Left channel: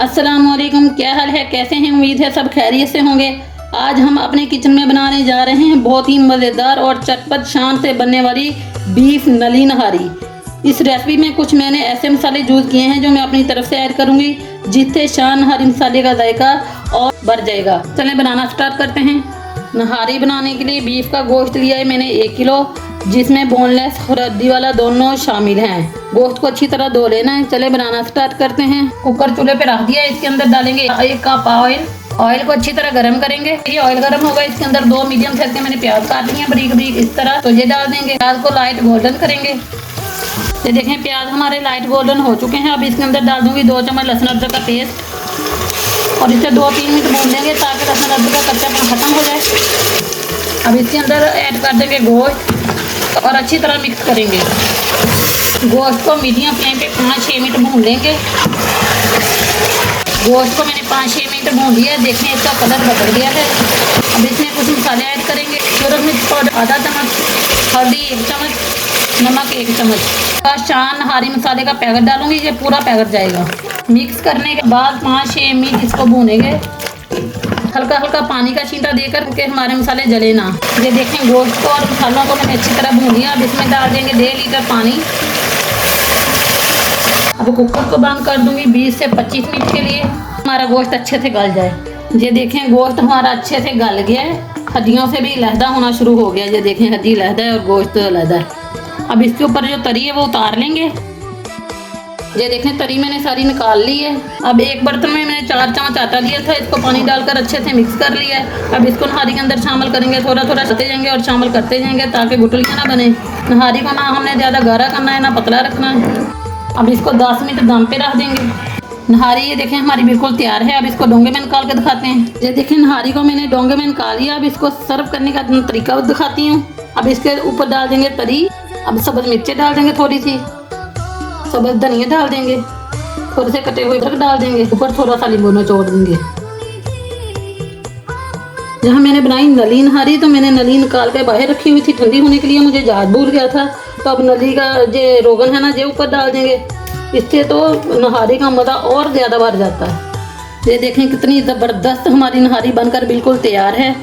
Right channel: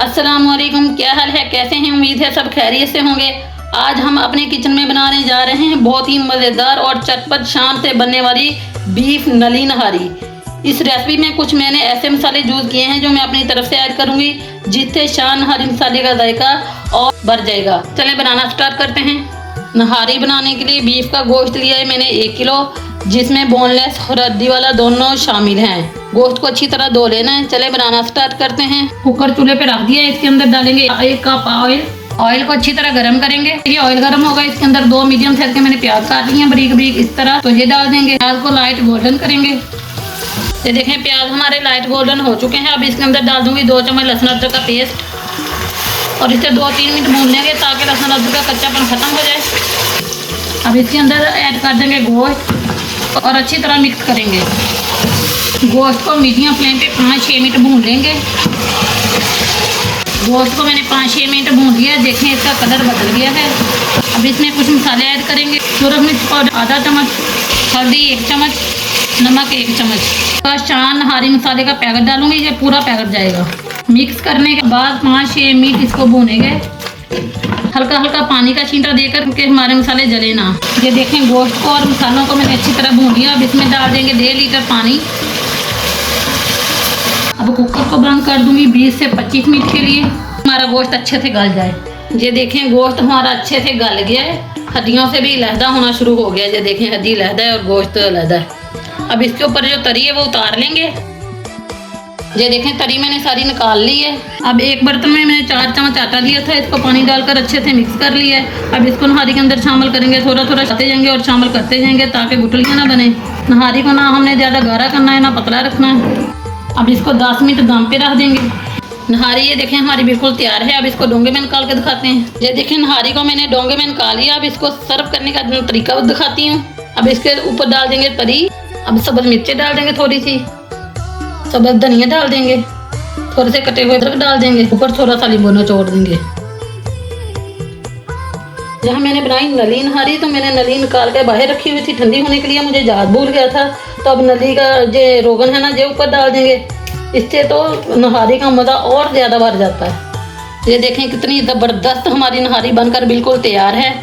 अस्सलामुअलैकुम, क्या हाल है, कैसे हैं? उम्मीद है सब खैरियत से होंगे। आज हम अपने किचन में बनाने जा रहे हैं बहुत ही मज़ेदार और चटपट शाम से बनने वाली बीफ नली नहारी। इस रेसिपी में कुछ मैंने ऐसे मसाले यूज़ किए हैं जो मैं अपनी तरफ से ऐड करूंगी, जिससे शान नहारी मसाले का जायका और बढ़ जाएगा। चलें बनाना स्टार्ट करते हैं। नहारी बनाने के लिए बीफ का गोश्त लिया है मैंने 1 किलो, जिसमें बोनलेस और हड्डी वाला दोनों शामिल हैं। गोश्त को अच्छी तरह धो लेना है। चले बनाना स्टार्ट करते हैं। कुकर चूल्हे पे रख दिया, इसके अंदर डालेंगे 1 कप ऑयल। ऑयल को अच्छी तरह गर्म करेंगे। ये ऑयल गर्म होगा, इसके अंदर 2 मीडियम साइज के मैंने प्याज काट लिए हैं बारीक बारीक इस तरह, तो ये डाल देंगे। प्याज को लाइट गोल्डन करेंगे। ये देखें प्याज हमारे लाइट गोल्डन हो चुके हैं। अब इसके अंदर डाल दूंगी 2 चम्मच लहसुन अदरक का पेस्ट और इसे 2-3 मिनट भून लेंगे ताकि लहसुन अदरक का कच्चापन खत्म हो जाए। अब इसके अंदर ऐड कर देंगे गोश्त और अच्छी तरह मिक्स करेंगे। गोश्त को मीडियम फ्लेम पे 5-6 मिनट भून लेंगे। गोश्त को मैंने 5-6 मिनट भून लिया। देखें इसका कलर बदल गया है। अब इसमें कुछ मसाले ऐड करेंगे। सूरज मिर्च पाउडर आधा चम्मच, हल्दी 1 चम्मच, नमक 1 चम्मच। शान नहारी मसाले का पैकेट डालूंगी, ये पूरा पैकेट जाएगा। मिक्स करने के बाद 5-6 मिनट इसको भूनेंगे, हल्का हल्का पानी का छींटा देकर, क्योंकि हमारे मसाले जले ना। ये देखें गोश्त को और मसालों को मैंने अच्छी तरह भून लिया। अब इसमें डाल देंगे 1.5 लीटर पानी। अब कुकर को बंद कर दूंगी 20 से 25 मिनट के लिए, हमारा गोश्त अच्छे से गल जाए। ये देखें गोश्त हमारा अच्छे से गल गया है, हड्डियों से भी लहदा होना शुरू हो गया। ये देखें हड्डी लहदा है और गोश्त लहदा है। अब इसके ऊपर जो तरी है वो उतार लेंगे। ये देखें तरी मैंने सारी निकाल ली है। अब एक बर्तन में मैंने 4 चम्मच आटा लिया था, इसको पानी डालकर अच्छे से मिक्स कर लिया है। अब इसको नहारी के अंदर शामिल करेंगे, थोड़ा थोड़ा करते जाएंगे और शामिल करते जाएंगे ताकि गुठलियाँ ना बने। नहारी को ना हमने ज़्यादा गाढ़ा करना है ना पतला रखना है। अब इसको 10 मिनट दम पे रख देंगे। नहारी ये देखें हमारी बिल्कुल तैयार है। अब इसको डोंगे में निकाल के दिखाते हैं। ये देखें नहारी को मैंने डोंगे में निकाल लिया। अब इसको सर्व करने का तरीका दिखाती हूँ। अब इसके ऊपर डाल देंगे तरी। अब सब्ज़ मिर्चें डाल देंगे, थोड़ी सी सब्ज़ धनिया डाल देंगे, थोड़े से कटे हुए अदरक डाल देंगे, ऊपर थोड़ा सा नींबू निचोड़ देंगे। जहाँ मैंने बनाई नली नहारी, तो मैंने नली निकाल के बाहर रखी हुई थी ठंडी होने के लिए, मुझे याद भूल गया था। तो अब नली का जो रोगन है ना, ये ऊपर डाल देंगे। इससे तो नहारी का मज़ा और ज़्यादा बढ़ जाता है। ये देखें कितनी ज़बरदस्त हमारी नहारी बनकर बिल्कुल तैयार है।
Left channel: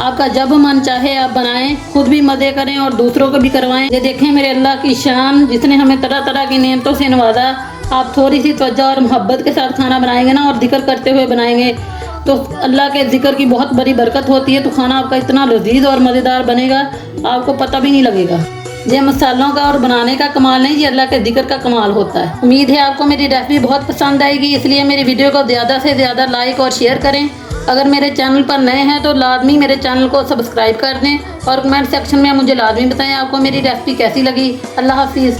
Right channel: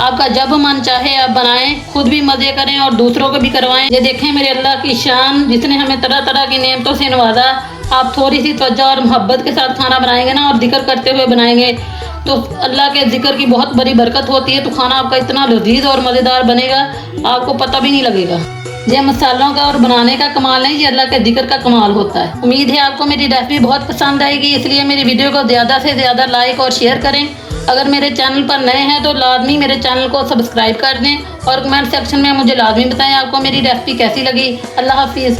आपका जब मन चाहे आप बनाएं, खुद भी मज़े करें और दूसरों को भी करवाएं। ये देखें मेरे अल्लाह की शान, जिसने हमें तरह तरह की नेमतों से नवाजा। आप थोड़ी सी तवज्जो और मोहब्बत के साथ खाना बनाएंगे ना और जिक्र करते हुए बनाएंगे, तो अल्लाह के जिक्र की बहुत बड़ी बरकत होती है। तो खाना आपका इतना लजीज और मज़ेदार बनेगा, आपको पता भी नहीं लगेगा। ये मसालों का और बनाने का कमाल नहीं, ये अल्लाह के जिक्र का कमाल होता है। उम्मीद है आपको मेरी रेसिपी बहुत पसंद आएगी, इसलिए मेरी वीडियो को ज़्यादा से ज़्यादा लाइक और शेयर करें। अगर मेरे चैनल पर नए हैं तो लाजमी मेरे चैनल को सब्सक्राइब कर दें और कमेंट सेक्शन में मुझे लाजमी बताएं आपको मेरी रेसिपी कैसी लगी। अल्लाह हाफिज़।